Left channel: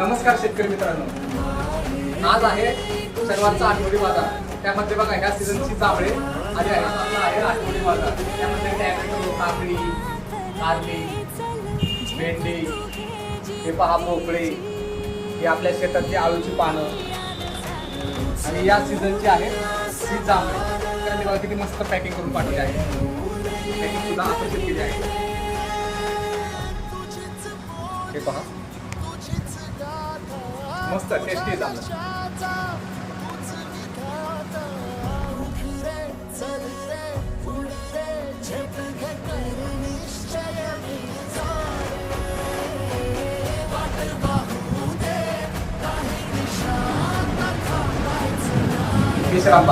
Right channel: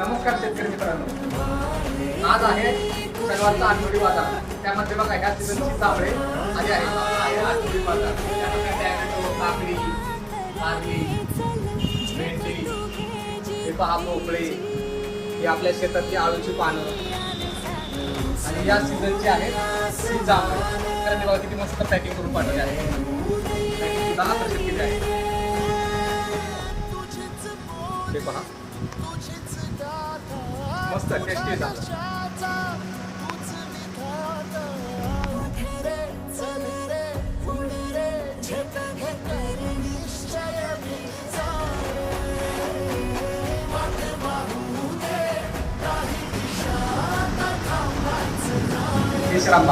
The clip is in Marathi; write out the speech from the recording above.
नमस्कार शेतकरी मित्रांनो, आज आहे शनिवारचा आठवडी बाजार. त्यामध्ये बघा ह्या सीझनची जांभळे आली आहे. आपला आहे आठवडी बाजार. त्यामध्ये टॅमॅटो, काकडी, कारली, भेंडी, हे पहा भोपळे, हे आपल्या शेतातली आळूची पानं आणि या सीझनची आहेत ही जांभळे. त्यांनी बघा किती मस्त पॅकिंग करून पाठवली आहे. सुद्धा आकर्षित केली आहे. हे पहा मस्त टेस्टी झालं. विश्राम